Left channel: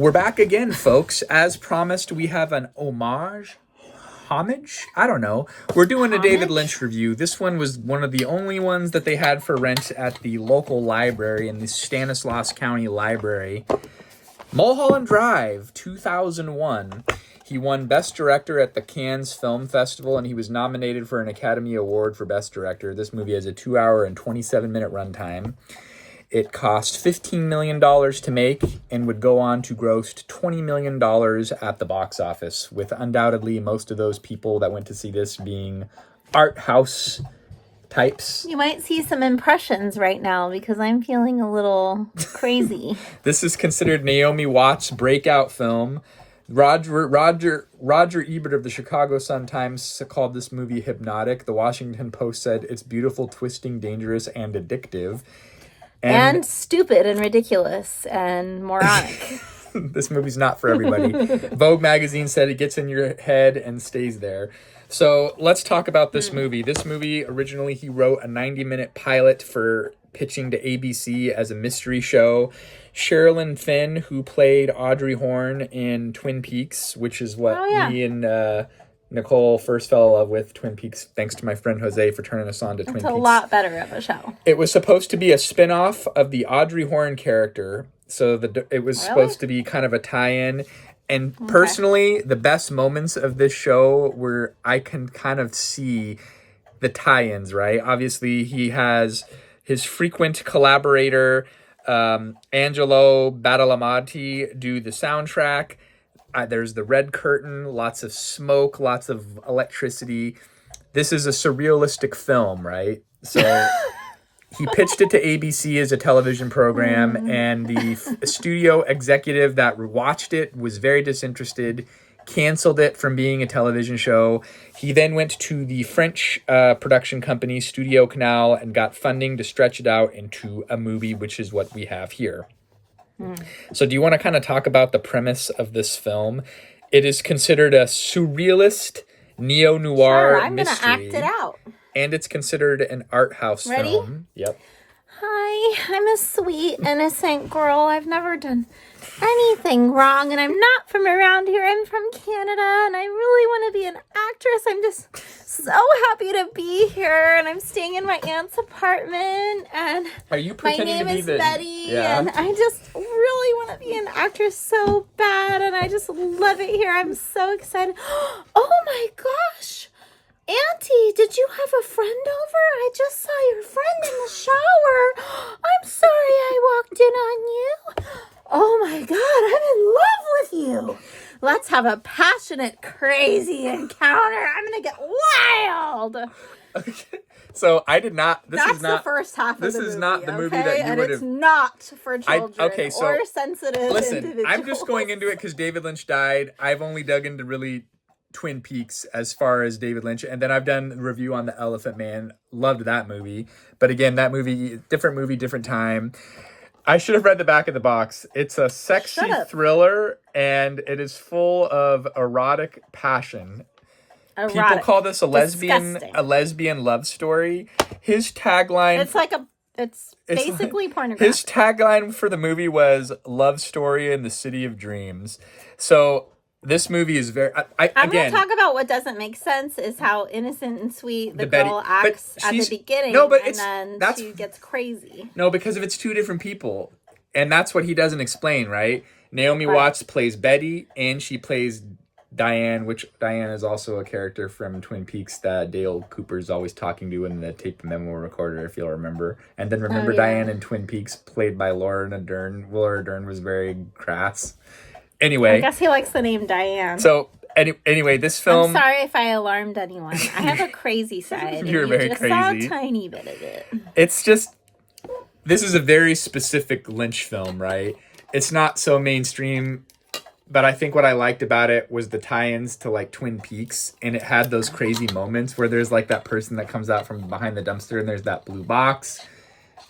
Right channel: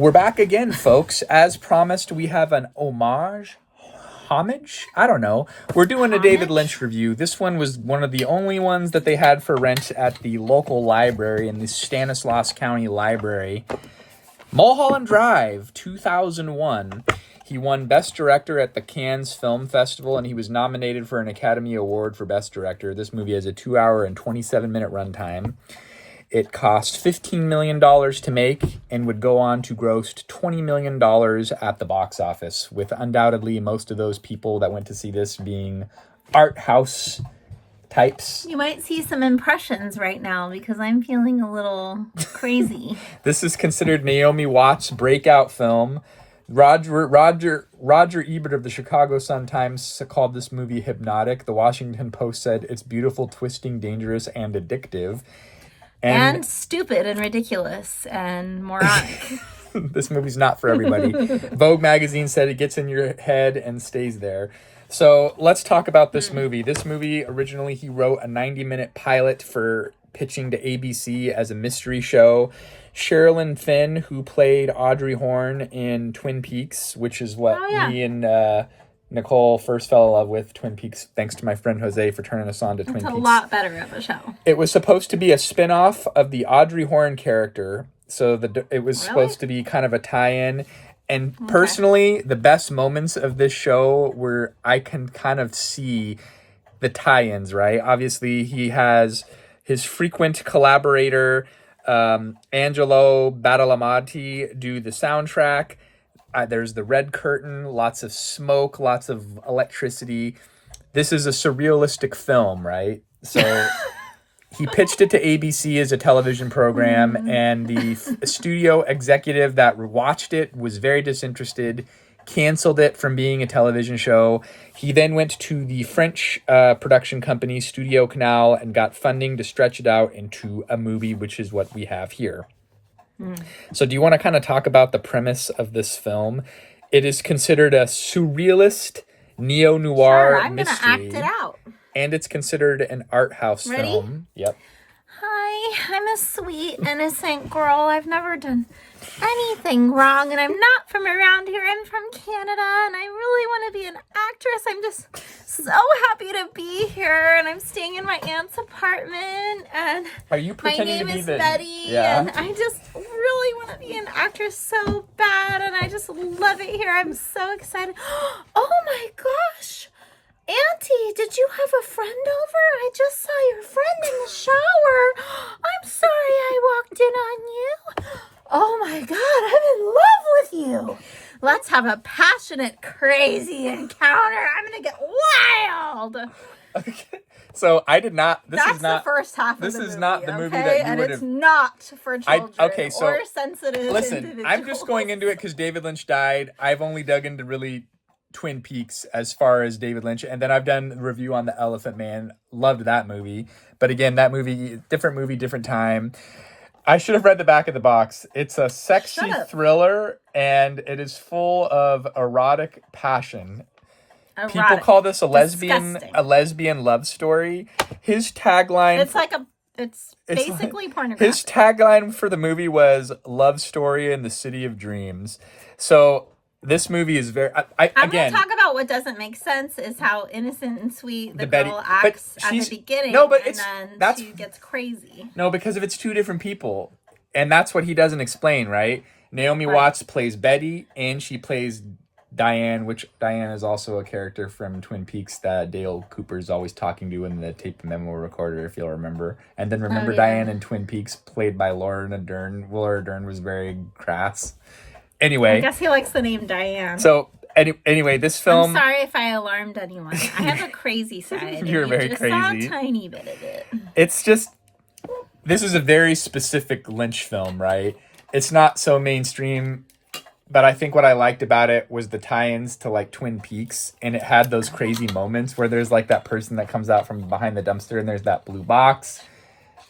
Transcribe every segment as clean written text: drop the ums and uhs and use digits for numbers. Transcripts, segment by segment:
We're back again, folks. As promised, we have an homage? I don't know. We're doing a David Lynch review. This one was one of the only ones that they had for rent at the local library in the Stanislaus County Library. Mulholland Drive, 2001. He won Best Director at the Cannes Film Festival, and he was nominated for an Academy Award for Best Director. This movie has a 2-hour and 27-minute runtime. It cost $15 million to make and would go on to gross $20 million at the box office, with undoubtedly most of those people that went to see this being art house types. You might see some impressions right now because I'm feeling a little crazy. This is considered Naomi Watts' breakout film. Roger Ebert of the Chicago Sun-Times called this movie hypnotic. The Washington Post said it's beautiful, twisting, dangerous, and addictive. And stupid and ridiculous and moronic. This movie's not for everybody. Vogue magazine said it gets in your head and stays there. So let's talk about this movie. This movie, originally he wrote a 90-minute pilot for pitching to ABC as a mystery show. Sherilyn Fenn, who played Audrey Horne in Twin Peaks, which is what me and Nicole first fell in love with Twin Peaks, thanks to my friend Jose for turning us on to Twin Peaks. It's a lot better of a show. It was supposed to be a spin-off of the Audrey Horne character, so it was supposed to be kind of a tie-in. And personally, the best moments of this show were I can kind of see the tie-ins, right? Obviously, he has his frequent collaborator, Angelo Badalamenti, do the soundtrack. There's the red curtain, lots of smoke, lots of electricity. This is a surrealistic film, right? So he pitched it to ABC as a television program, and the studio executive that watched it was very disinterested, canceled it from being a television show. He then went to the French production company, Studio Canal, and got funding to stretch it out into a movie, which is what we have here. So do you want to kind of talk about the premise of this film? It is considered a surrealist neo-noir mystery. I'm going to act it out. And it's considered an art house film. Yep. Hi, I'm a sweet, innocent girl. I've never done anything wrong, and I'm not from around here. I'm from Canada, and I really want to be an actress. I'm just so happy to be here, and I'm staying in my aunt's apartment, and are you pretending my name to be is the Betty, and I just really want to be an actress so bad, and I just love it here. I'm so excited. Oh my gosh! Auntie, did you have a friend over? I just saw your friend in the shower. I'm sorry I walked in on you. Oh my God, I'm in love with you. Let's have a passionate, crazy encounter. I'm going to get wild. Okay. So I did not. That's the first half of the movie. This is not the movie that you would have. It's not for children or sensitive. Listen, I'm just going into it because David Lynch died. I've only dug into really Twin Peaks as far as David Lynch, and then I've done a review on The Elephant Man. Loved that movie, but again, that movie, different time. I should have read the back of the box. It's a sexy thriller, and it is full of erotic passion. People call this a lesbian love story. His tagline, it's basically pornographic. His tagline for the movie was "Love Story in the City of Dreams." So this movie is very. I'm going to talk about what doesn't make sense is how innocent and sweet the girl acts at the beginning. No, but she gets crazy. No, because if it's two different people, and that's what he doesn't explain, right? Naomi Watts plays Betty, and she plays Diane, which Diane is also a character from Twin Peaks that Dale Cooper's always talking to in the tape memo recorder, if you'll remember. And then remember Diane in Twin Peaks, played by Laura Dern. Laura Dern was very crass. Anyway, I guess he likes the name Diane. So anyway, this film. I'm sorry if I alarmed anyone. I have a crazy side. You're very just crazy. Saw a tiny bit of it. It's just, this is a very specific Lynch film, right? It's not so mainstream, but I think what I liked about it was the tie-ins to like Twin Peaks, and it had those crazy moments where there's like that person that comes out from behind the dumpster, and there's that blue box.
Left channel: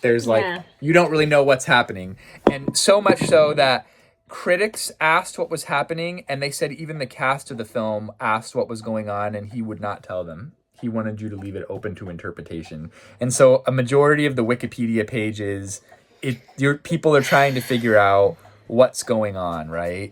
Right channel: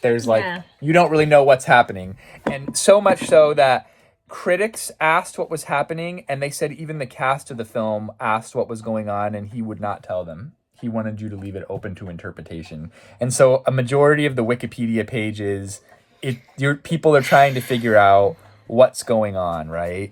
There's like you don't really know what's happening, and so much so that critics asked what was happening, and they said even the cast of the film asked what was going on, and he would not tell them. He wanted you to leave it open to interpretation. And so a majority of the Wikipedia pages, people are trying to figure out what's going on, right?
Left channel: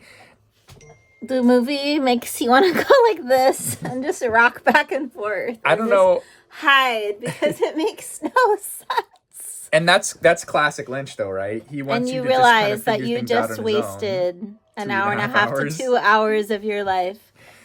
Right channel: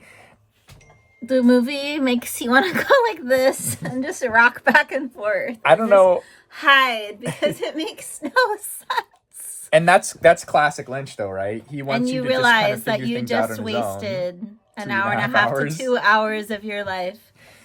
The movie makes you want to go like this and just rock back and forth. I don't know. Hide because it makes no sense. And that's classic Lynch, though, right? He wants you to just kind of figure things out on his own. And you realize that you just wasted an hour and a half to 2 hours of your life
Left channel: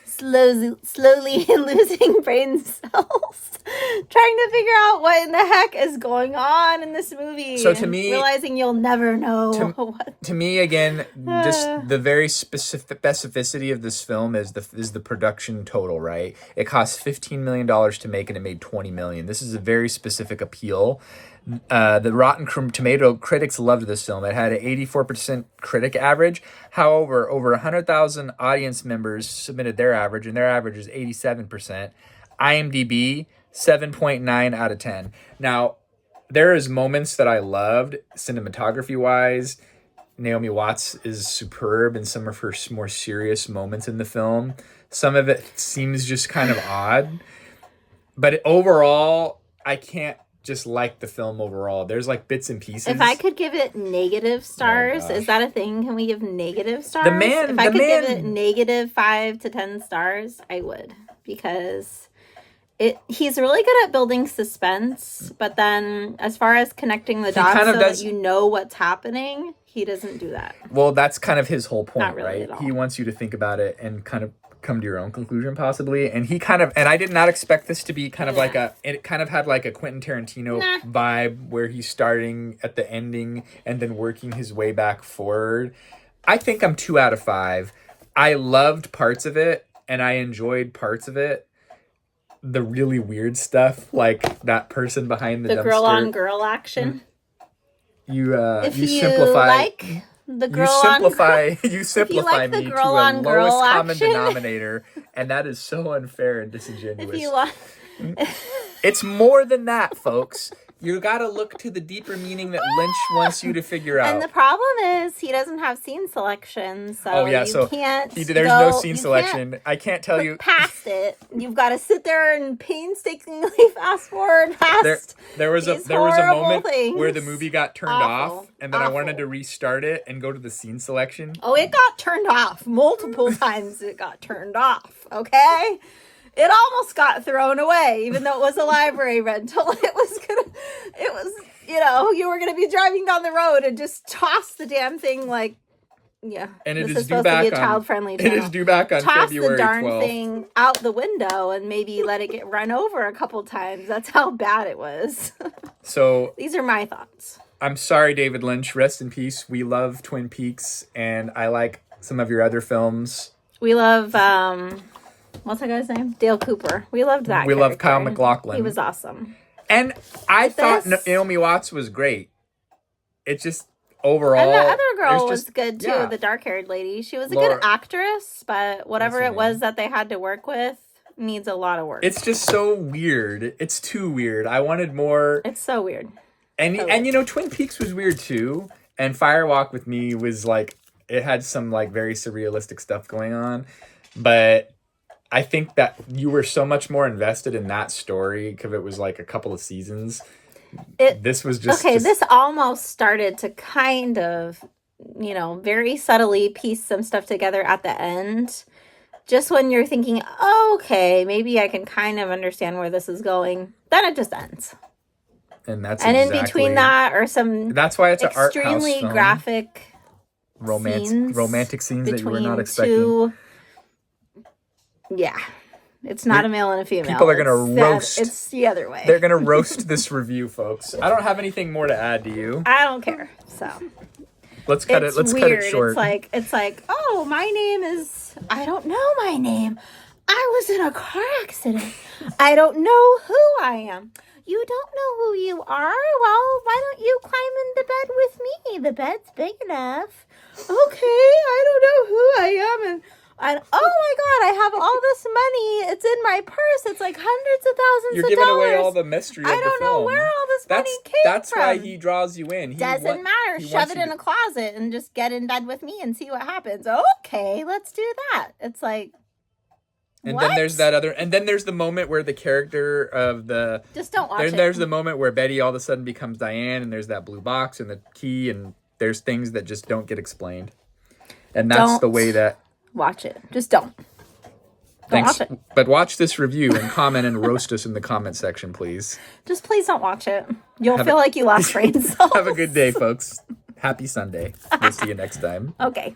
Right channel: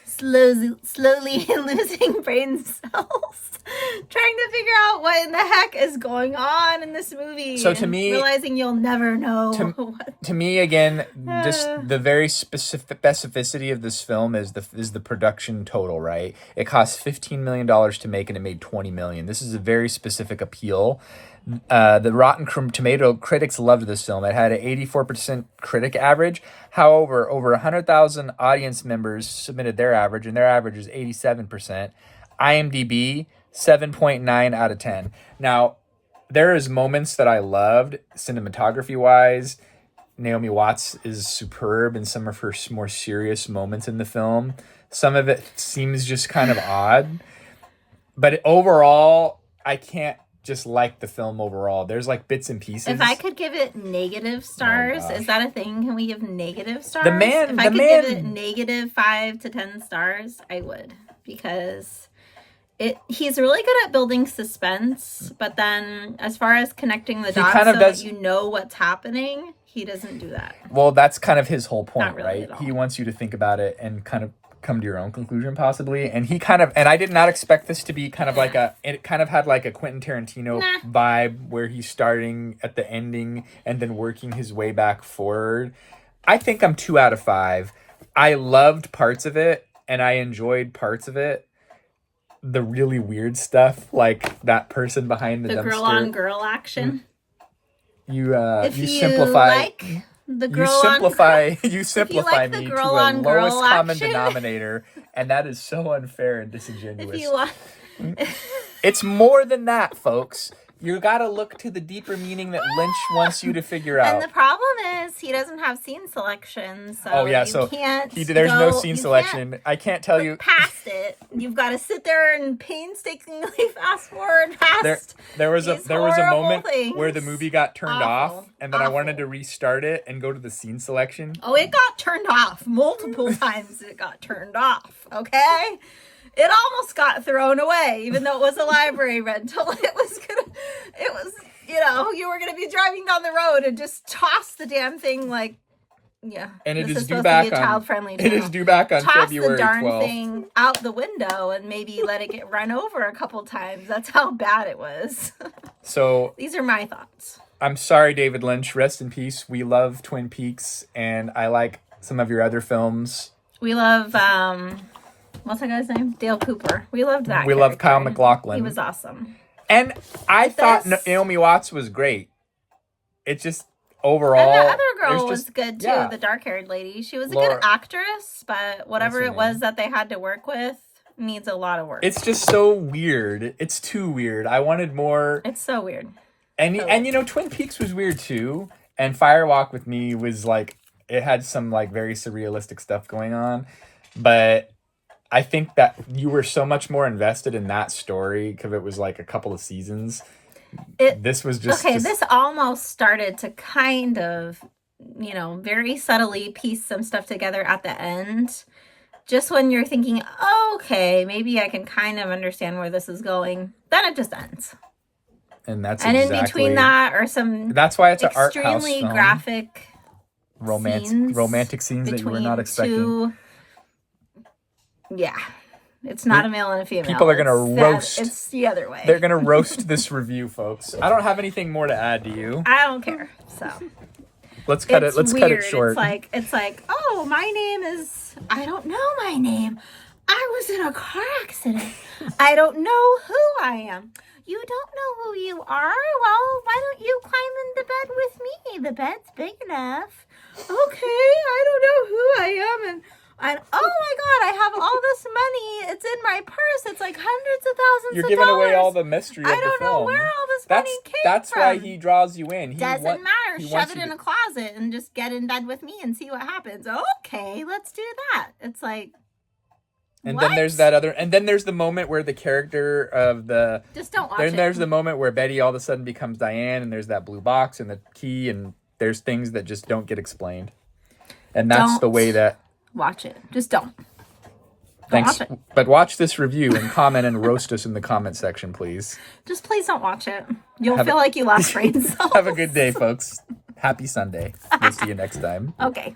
slowly losing brain cells, trying to figure out what in the heck is going on in this movie. So to me, realizing you'll never know. To me, again, just the very specificity of this film is the production total, right? It cost $15 million to make, and it made $20 million. This is a very specific appeal. The Rotten Tomato critics loved this film. It had an 84% critic average. However, over 100,000 audience members submitted their average, and their average is 87%. IMDb, 7.9 out of 10. Now, there is moments that I loved cinematography-wise. Naomi Watts is superb in some of her more serious moments in the film. Some of it seems just kind of odd. But overall, I can't just like the film overall. There's like bits and pieces. If I could give it negative stars, is that a thing? Can we give negative stars? If I could give it negative 5 to 10 stars, I would. Because he's really good at building suspense, but then as far as connecting the dots that you know what's happening, he doesn't do that. Well, that's kind of his whole point, really, right? He wants you to think about it and kind of come to your own conclusion, possibly. And and I did not expect this to be kind of it kind of had like a Quentin Tarantino vibe, where he's starting at the ending and then working his way back forward. I think I'm 2 out of 5. I loved parts of it and I enjoyed parts of it. The really weird stuff, like that person behind the dumpster. Girl on girl action. You simplify. You simplify me to a lowest common denominator, and that is so unfair and disingenuous. It's more than that, folks. You gotta look to the deeper meaning that Lynch wants you to figure out. And the problem is he doesn't have scene selection, so there's no scene selection. I can't tell you past it. You've got to sit there and painstakingly fast forward past. There was a moment where the movie got turned off, and then I wanted to restart it and go to the scene selection. Oh, it got turned off multiple times. It got turned off. Okay. It almost got thrown away, even though it was a library rental. You were gonna be driving down the road and just toss the damn thing And it is due back on February 12th. Toss the darn thing out the window and maybe let it get run over a couple times. That's how bad it was. So these are my thoughts. I'm sorry, David Lynch. Rest in peace. We love Twin Peaks, and I like some of your other films. We love what's that guy's name? Dale Cooper. We loved that. We love Kyle MacLachlan. He was awesome. And I thought Naomi Watts was great. It just overall. And the other girl was good too. Yeah. The dark-haired lady. She was a good actress, but whatever it was that they had to work with needs a lot of work. It's just so weird. It's too weird. I wanted more. It's so weird. And Twin Peaks was weird too. And Fire Walk with Me was it had some very surrealistic stuff going on, but I think that you were so much more invested in that story because it was a couple of seasons. This was just... this almost started to kind of, very subtly piece some stuff together at the end. Just when you're thinking, okay, maybe I can kind of understand where this is going. Then it just ends. And in between that are some... That's why it's an art house film. Graphic romantic scenes that you were not expecting. Yeah, it's not a male and a female. People are going to roast. It's the other way. They're going to roast this review, folks. I don't have anything more to add to you. I don't care. So let's cut it. Let's cut it short. It's like, oh, my name is. I don't know my name. I was in a car accident. I don't know who I am. You don't know who you are? Well, why don't you climb into bed with me? The bed's big enough. Okay, I don't know who I am, and oh my God, I have all this money. It's in my purse. It's like hundreds of thousands You're of giving dollars. away all the mystery of the film. I don't know where all this money came That's from. why he draws you in. Doesn't matter. Shove it in a closet and just get in bed with me and see what happens. Okay, let's do that. It's like, and then there's that other, and then there's the moment where the character of the... Just don't watch it. Then there's the moment where Betty all of a sudden becomes Diane, and there's that blue box and the key, and there's things that just don't get explained. And that's the way that... Watch it. Just don't. Thanks. Watch it. But watch this review and comment and roast us in the comment section, please. Just please don't watch it. You'll feel like you lost brain cells. Have a good day, folks. Happy Sunday. We'll see you next time. Okay.